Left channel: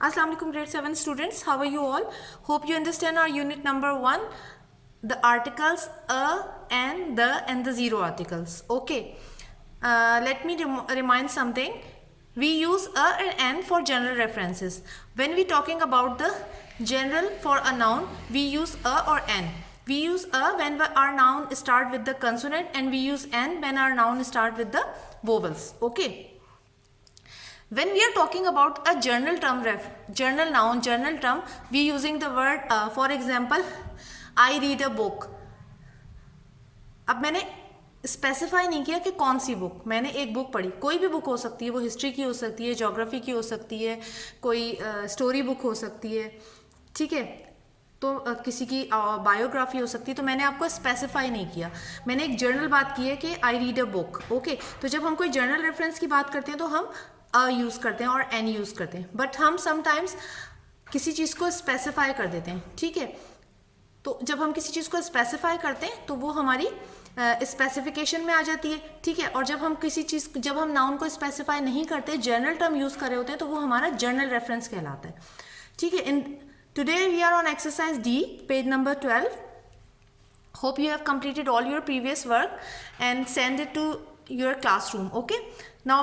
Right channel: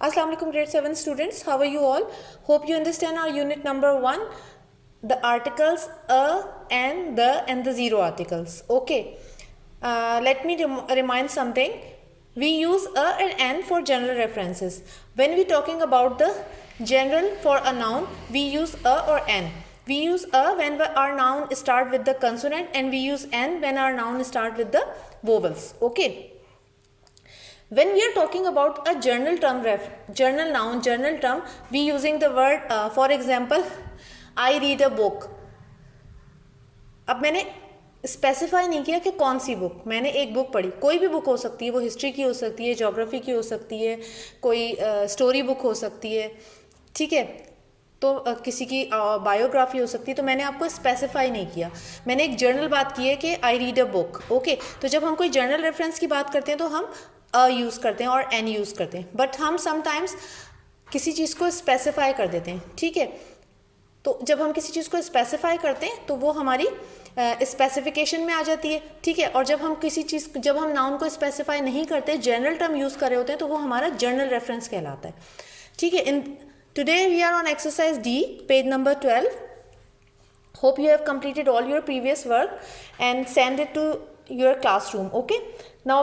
Assalamu alaikum grade 7 students, how are you all? Hope you understand our unit number 1, the articles a and the zero articles. Okay, let me remind something. We use a and an for general references. When we talking about the general for a noun, we use a or an. We use a when our noun start with the consonant, and we use an when our noun start with the vowels. Okay. When we are talking about a general term, general noun, general term, we using the word for example, I read a book. अब मैंने specify नहीं किया कि कौन सी book, मैंने एक book पढ़ी, कोई भी बुक हो सकती है, वो हिस्ट्री की हो सकती है, ज्योग्राफी की हो सकती है, कोई स्टोरी बुक हो सकती है, ठीक है, तो किसी की बायोग्राफी हो सकती है। तो मैंने आपको स्पेसिफाई नहीं किया, मैंने एक जनरल बात की है कि I read a book. Okay, तो जब हम कोई जनरल रेफरेंस की बात करते हैं तो हम अ यूज़ करते हैं और एन यूज़ करते हैं, बट हम समटाइम्स किसी चीज़ को स्पेसिफाई कर देते हैं, ठीक है। तो जब हम किसी चीज़ को स्पेसिफाई करते हैं तो वो हमारी स्पेसिफिकेशन में आ जाती है, ठीक है। और जब हम किसी चीज़, जब हम नाउन को स्पेसिफाई नहीं करते, जनरल टर्म यूज़ कर रहे होते हैं, तो वो हमारा जनरल रेफरेंस कहलाता है, ठीक है। In today we are on exercise D, page number 12. Hope you have completed all your previous work and send it to your classroom. Okay, now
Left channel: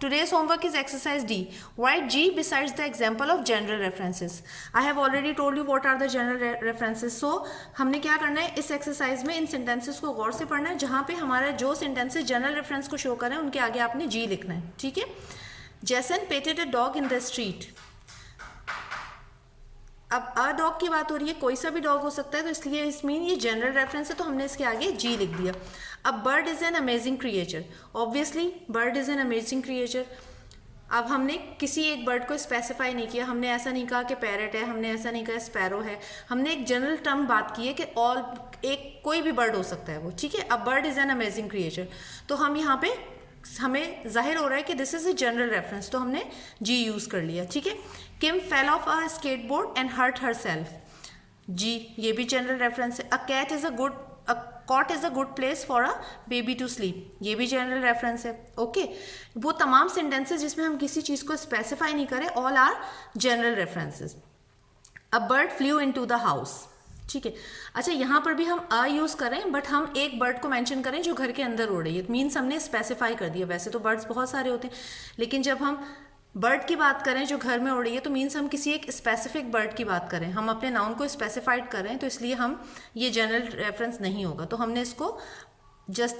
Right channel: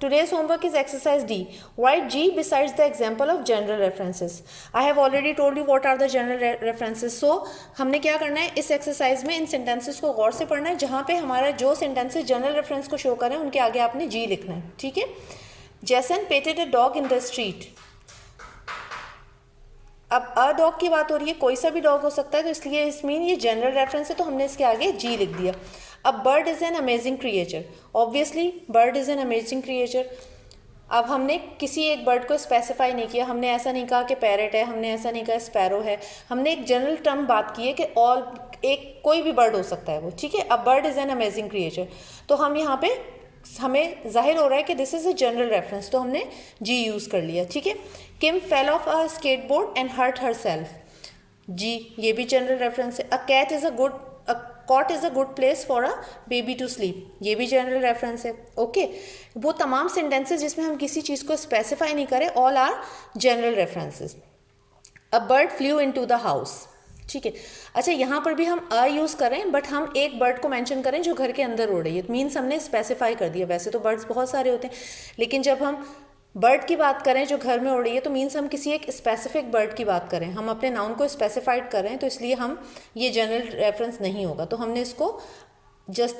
today's homework is exercise D. Write G besides the example of general references. I have already told you what are the general references. So हमने क्या करना है इस exercise में, इन sentences को गौर से पढ़ना है, जहाँ पे हमारा जो सेंटेंसेस जनरल रेफरेंस को शो कर रहे हैं उनके आगे आपने G लिखना है, ठीक है। Jason petted a dog in the street. अब अ डॉग की बात हो रही है, कोई सा भी डॉग हो सकता है, तो इसलिए इस मीन ये जनरल रेफरेंस है, तो हमने इसके आगे जी लिख दिया। अब bird is an amazing creature, obviously bird is an amazing creature. अब हमने किसी एक बर्ड को स्पेसिफाई नहीं किया, हमने ऐसा नहीं कहा कि पैरट है, हमने ऐसा नहीं कहा स्पैरो है, हमने एक जनरल टर्म बात की है कि ऑल, एक कोई भी बर्ड हो सकता है वो, ठीक है। अब bird is an amazing creature, तो हम यहाँ पे हमें जाहिर हो रहा है कि this is a general reference, तो हमने जी यूज़ कर लिया, ठीक है। Kim fell off a skateboard and hurt herself, G ये भी जनरल रेफरेंस है। A cat is a cot is a good place for a baby to sleep, ये भी जनरल रेफरेंस है। ओके, वो तमाम सेंटेंसेस जिसमें हम किसी चीज़ को स्पेसिफाई नहीं करें, all are general references. A bird flew into the house, ठीक है। अच्छा, यहाँ पर भी हम अ यूज़ करें, बट हम एक बर्ड को मेंशन करें जो घर के अंदर उड़ रही है, मीन्स हमने स्पेसिफाई कर दिया। वैसे तो बर्ड्स बहुत सारे होते हैं, लेकिन जब हम बर्ड की बात करें जो घर में उड़ रही है, तो मीन्स हम किसी एक स्पेसिफिक बर्ड की बात करें, हम अपने नाउन को स्पेसिफाइड कर रहे हैं, तो इसलिए हम ये जनरल रेफरेंस नहीं होगा, तो हमने इसको जस्ट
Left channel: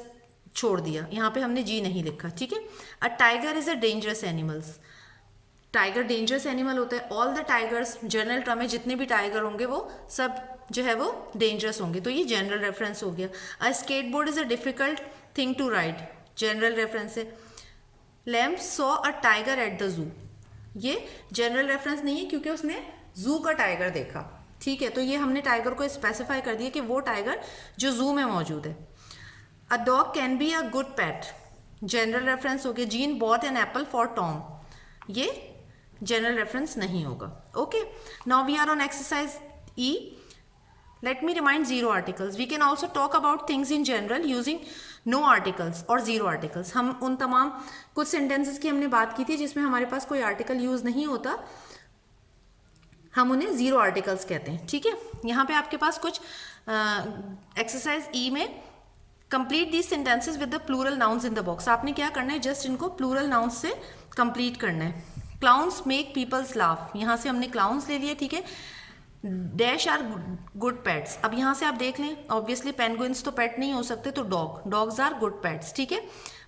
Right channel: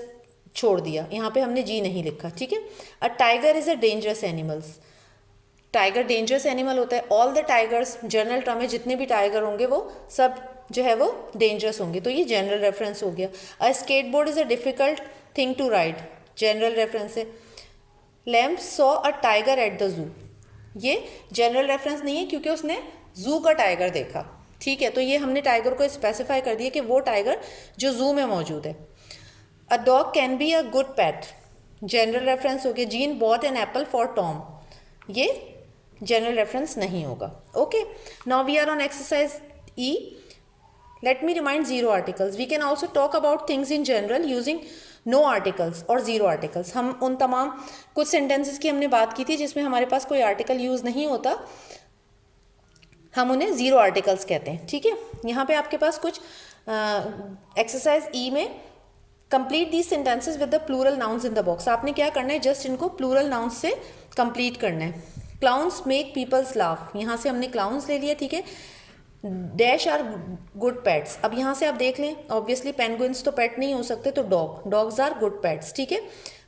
छोड़ दिया, यहाँ पे हमने जी नहीं लिखा, ठीक है। A tiger is a dangerous animals, tiger dangerous animal होता है। All the tigers, general term है, जितने भी टाइगर होंगे वो सब जो है वो डेंजरस होंगे, तो ये जनरल रेफरेंस हो गया। A skateboard is a difficult thing to ride, general reference है। Lamp saw a tiger at the zoo, ये जनरल रेफरेंस नहीं है क्योंकि उसने जू का टाइगर देखा, ठीक है। तो ये हमने टाइगर को स्पेसिफाई कर दिया कि वो टाइगर जो जू में मौजूद है। A dog can be a good pet, general reference हो गया। Jean bought an apple for Tom, ये जनरल रेफरेंस नहीं होगा। Okay, now we are on exercise E. Let me remind zero articles. We can also talk about things in general using no articles or zero articles. हम उन तमाम कुछ sentences की हमने बात की थी जिसमें हमारे पास कोई article use नहीं होता, हम उन्हें zero articles कहते हैं, ठीक है। यहाँ पे आपके पास कुछ exercise E में complete these sentences with the plural nouns in the box. आपने क्या करना है, जस्ट इनको plural nouns से complete करना है। Clowns make people laugh, यहाँ से हमने clowns ले लिया, ठीक है। डैश आर गुड पेट्स, अब यहाँ से आप देख लें, ऑब्वियसली पेंगुइन्स तो पेट नहीं हो सकते, तो डॉग्स आर गुड पेट्स, ठीक है।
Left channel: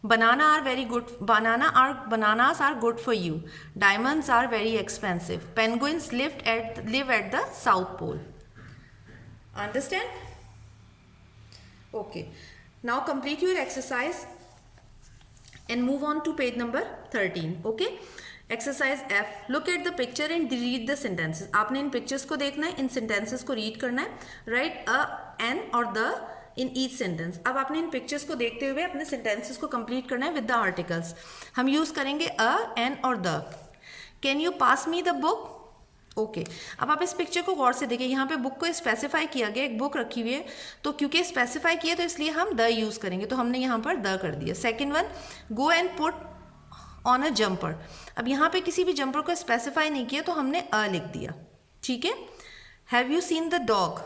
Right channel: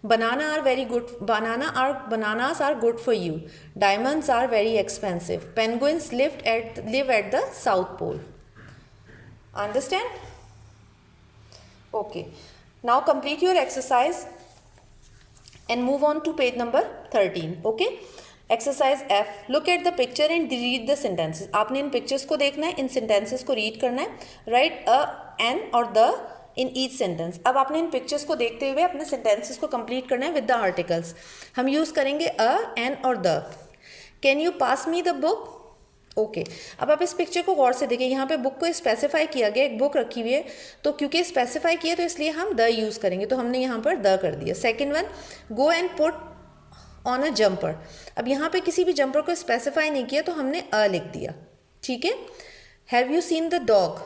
Banana are very good, bananas are good for you, diamonds are very expensive, penguins live at the South Pole. Understand? Okay, now complete your exercise and move on to page number 13. Okay, exercise F. Look at the picture and read the sentences. आपने इन pictures को देखना है, इन sentences को read करना है। Right अ, N और the in each sentence. अब आपने इन पिक्चर्स को देखते हुए अपने सेंटेंसेस को कंप्लीट करना है विद द आर्टिकल्स। हम यूज़ करेंगे अ, एन और the. Can you pass me the book? Okay, अब आप इस पिक्चर को गौर से देखिए, यहाँ पे बुक को स्पेसिफाई किया गया, एक बुक रखी हुई है, तो क्योंकि स्पेसिफाई किया तो इसलिए हम द यूज़ करेंगे, तो हमने यहाँ पर द कर दिया। Second one, go and put on a jumper. अब यहाँ पे किसी भी जंपर को स्पेसिफाई नहीं किया तो हमने अ लिख दिया, ठीक है। Have you seen the dog,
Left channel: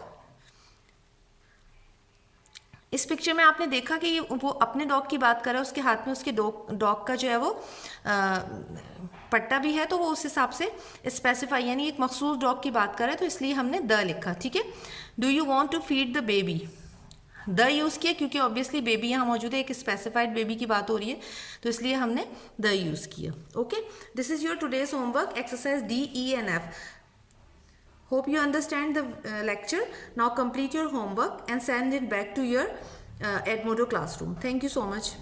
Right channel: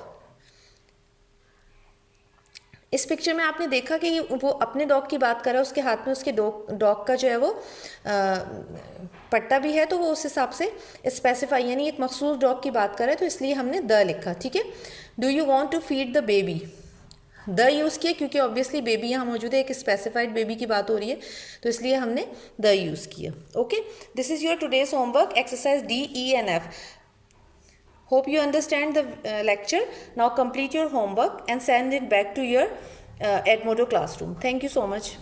इस पिक्चर में आपने देखा कि वो अपने डॉग की बात कर रहा है, उसके हाथ में उसके डॉग का जो है वो पट्टा भी है, तो वो उस हिसाब से स्पेसिफाई यानी एक मखसूस डॉग की बात कर रहा है, तो इसलिए हमने द लिखा, ठीक है। Do you want to feed the baby, the use किया क्योंकि ऑब्वियसली बेबी यहाँ मौजूद है, एक स्पेसिफाइड बेबी की बात हो रही है, तो इसलिए हमने द यूज़ किया। Okay, this is your today's homework exercise D, E and F. Hope you understand the lecture. Now complete your homework and send it back to your Edmodo classroom. Thank you so much.